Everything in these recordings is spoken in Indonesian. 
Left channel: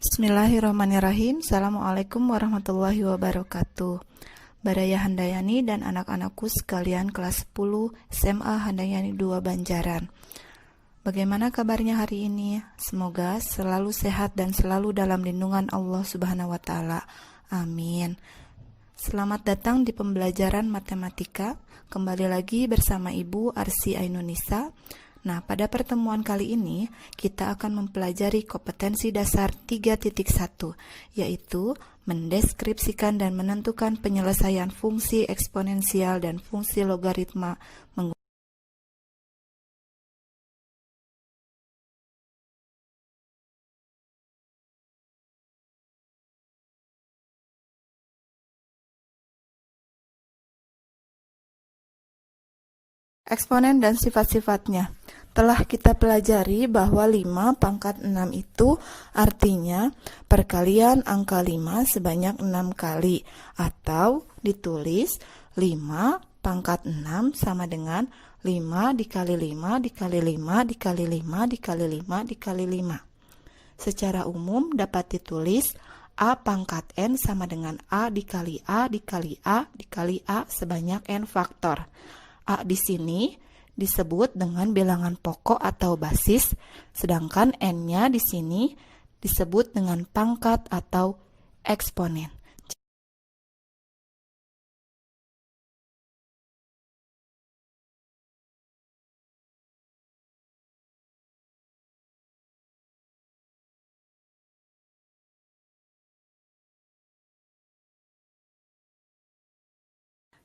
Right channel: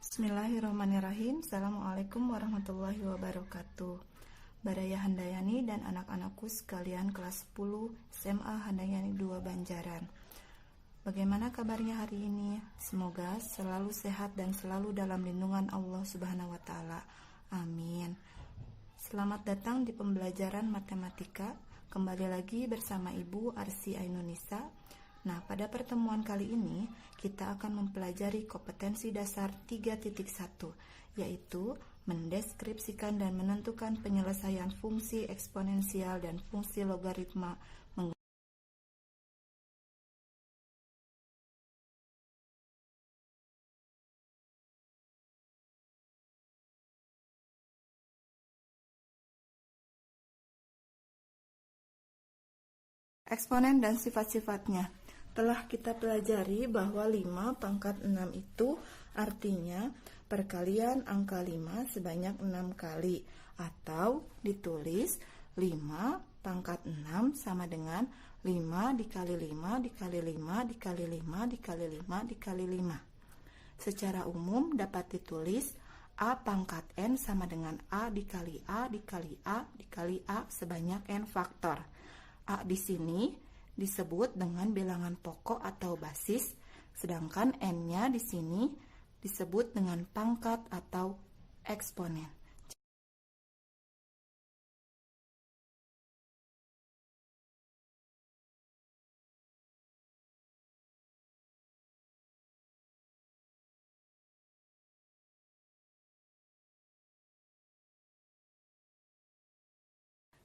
Bismillahirrahmanirrahim. Assalamualaikum warahmatullahi wabarakatuh. Baraya Handayani dan anak-anakku sekalian kelas 10 SMA Handayani 2 Banjaran. Bagaimana kabarnya hari ini? Semoga selalu sehat dan selalu dalam lindungan Allah Subhanahu wa taala. Amin. Selamat datang di pembelajaran matematika. Kembali lagi bersama Ibu Arsy Ainunisa. Nah, pada pertemuan kali ini kita akan mempelajari kompetensi dasar 3.1, yaitu mendeskripsikan dan menentukan penyelesaian fungsi eksponensial dan fungsi logaritma menggunakan eksponen dan sifat-sifatnya. Telah kita pelajari bahwa 5 pangkat 6 itu artinya perkalian angka 5 sebanyak 6 kali, atau ditulis 5 pangkat 6 sama dengan 5 dikali 5 dikali 5 dikali 5 dikali 5 dikali 5. Secara umum dapat ditulis A pangkat N sama dengan A dikali A dikali A dikali A sebanyak N faktor. A di sini disebut dengan bilangan pokok atau basis, sedangkan N-nya di sini disebut dengan pangkat atau eksponen.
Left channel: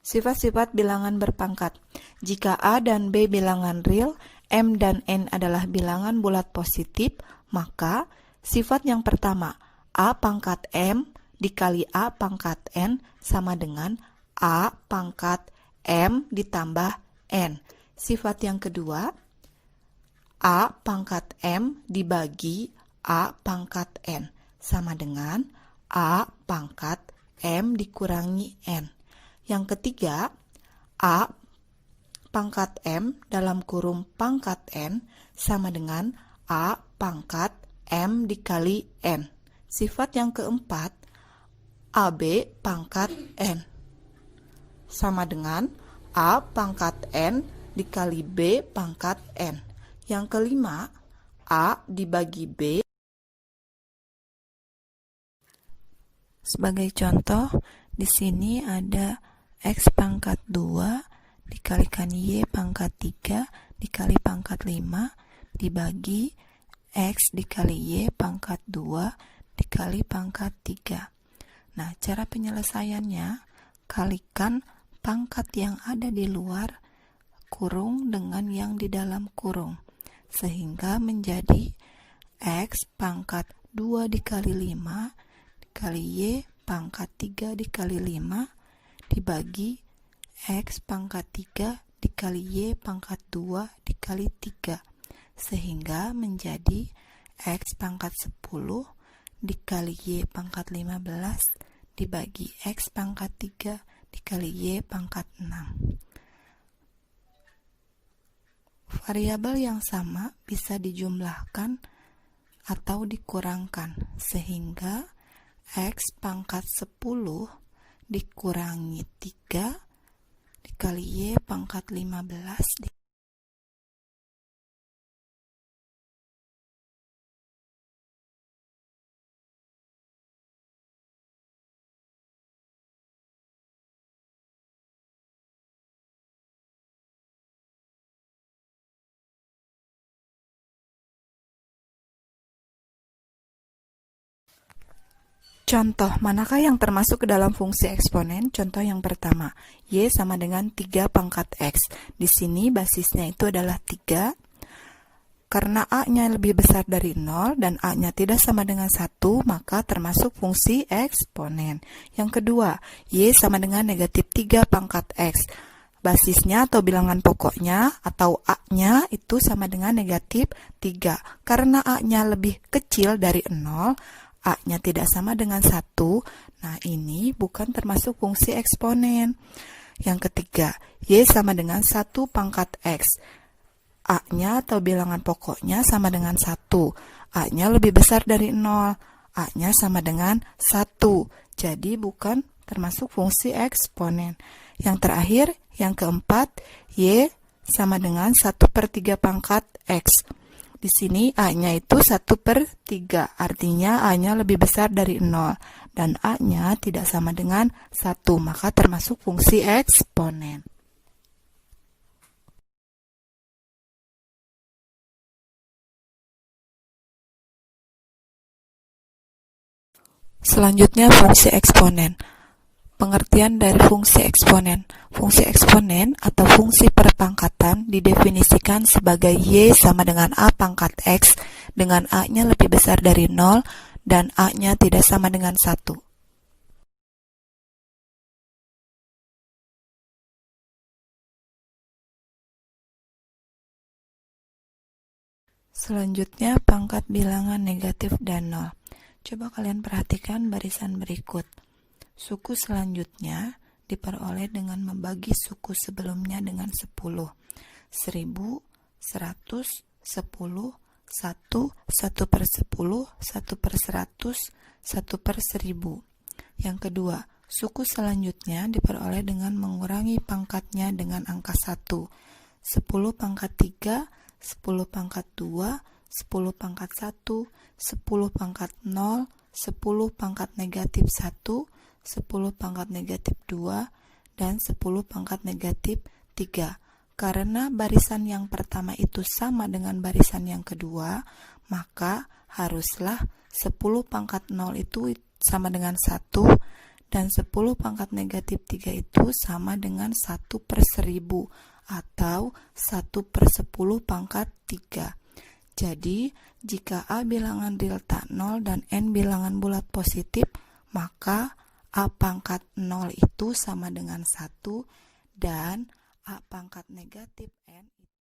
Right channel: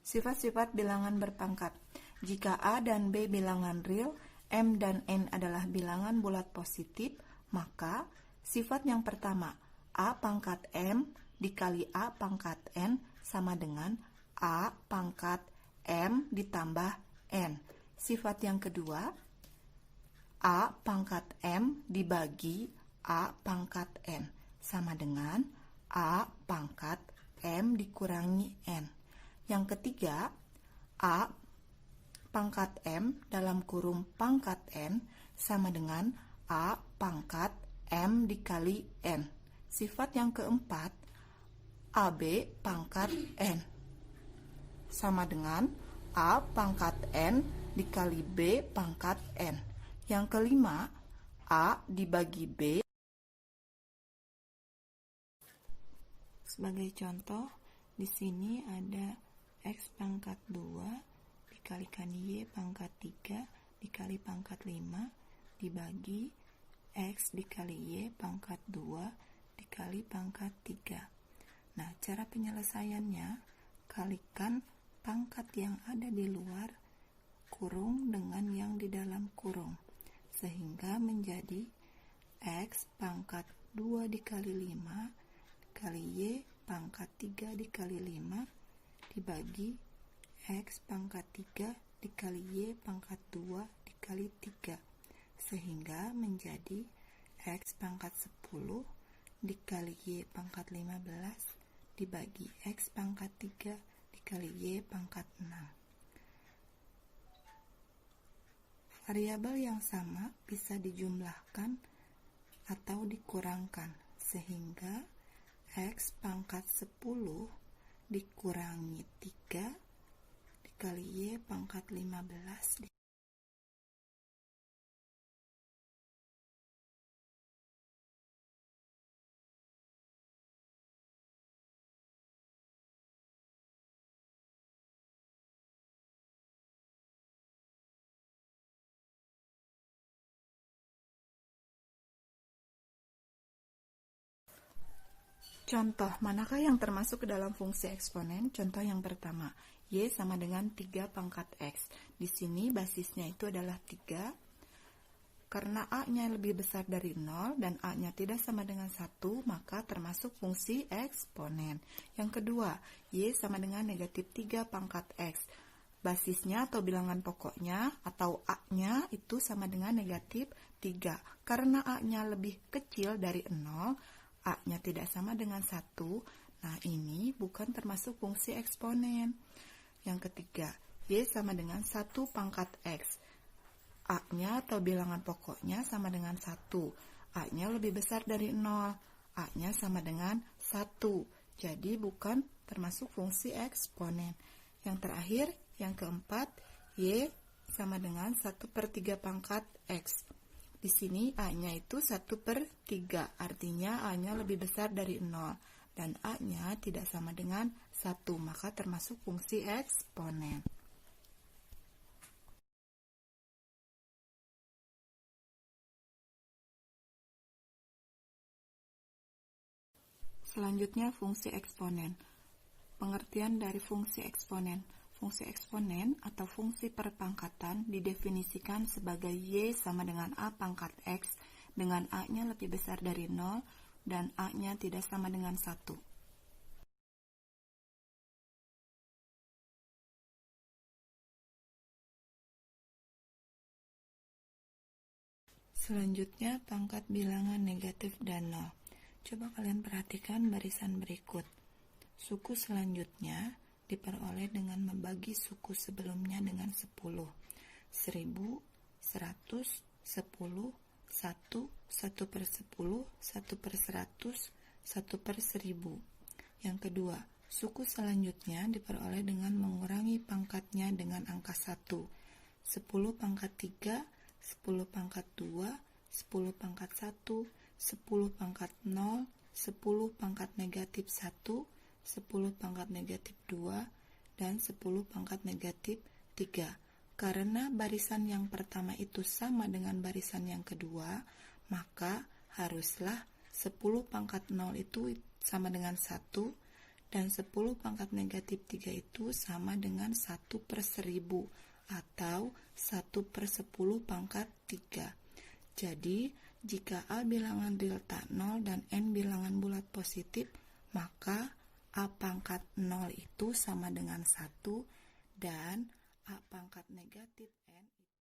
Sifat-sifat bilangan berpangkat. Jika A dan B bilangan real, M dan N adalah bilangan bulat positif, maka sifat yang pertama, A pangkat M dikali A pangkat N sama dengan A pangkat M ditambah N. Sifat yang kedua, A pangkat M dibagi A pangkat N sama dengan A pangkat M dikurangi N. Yang ketiga, A pangkat M dalam kurung pangkat N sama dengan A pangkat M dikali N. Sifat yang keempat, AB pangkat N sama dengan A pangkat N dikali B pangkat N. Yang kelima, A dibagi B. Sebagai contoh, di sini ada X pangkat 2 dikalikan Y pangkat 3 dikali pangkat 5 dibagi X dikali Y pangkat 2 dikali pangkat 3. Nah, cara penyelesaiannya, kalikan pangkat yang ada di luar kurung dengan yang di dalam kurung, sehingga menjadi X pangkat 2 dikali 5 dikali Y pangkat 3 dikali 5 dibagi X pangkat 3 dikali Y pangkat 2 dikali 3, sehingga menjadi X pangkat 10 dikali Y pangkat 15 dibagi X pangkat 3 dikali Y pangkat 6. Variabel yang sama bisa dijumlahkan atau dikurangkan, sehingga X pangkat 10 dikurangi 3 dikali Y pangkat 15 Contoh, manakah yang termasuk ke dalam fungsi eksponen? Contoh yang pertama, Y sama dengan 3 pangkat X. Di sini basisnya itu adalah 3. Karena A-nya lebih besar dari 0 dan A-nya tidak sama dengan 1, maka termasuk fungsi eksponen. Yang kedua, Y sama dengan negatif 3 pangkat X. Basisnya atau bilangan pokoknya atau A-nya itu sama dengan negatif 3. Karena A-nya lebih kecil dari 0, A-nya tidak sama dengan 1, nah ini bukan termasuk fungsi eksponen. Yang ketiga, Y sama dengan 1 pangkat X. A-nya atau bilangan pokoknya sama dengan 1. A-nya lebih besar dari 0. A-nya sama dengan 1. Jadi bukan termasuk fungsi eksponen. Yang terakhir, yang keempat, Y sama dengan 1/3 pangkat X. Di sini A-nya itu 1/3, artinya A-nya lebih besar dari 0. Dan A-nya tidak sama dengan 1, maka termasuk fungsi eksponen. Selanjutnya fungsi eksponen. Pengertian dari fungsi eksponen. Fungsi eksponen atau fungsi perpangkatan didefinisikan sebagai Y sama dengan A pangkat X dengan A-nya lebih besar dari 0 dan A-nya tidak sama dengan 1. Selanjutnya pangkat bilangan negatif dan 0. Coba kalian perhatikan barisan berikut. Suku selanjutnya diperoleh dengan membagi suku sebelumnya dengan 10. 1000, 100, 10, 1, 1/10, 1/100, 1/1000. Yang kedua, suku selanjutnya diperoleh dengan mengurangi pangkatnya dengan angka 1. 10 pangkat 3, 10 pangkat 2, 10 pangkat 1, 10 pangkat 0, 10 pangkat negatif 1, 10 pangkat negatif 2, dan 10 pangkat negatif 3. Karena barisan yang pertama itu sama dengan barisan yang kedua, maka haruslah 10 pangkat 0 itu sama dengan 1, dan 10 pangkat negatif 3 itu sama dengan 1/1000, atau 1/10 pangkat 3. Jadi, jika A bilangan real tak 0 dan N bilangan bulat positif, maka A pangkat 0 itu sama dengan 1 dan A pangkat negatif N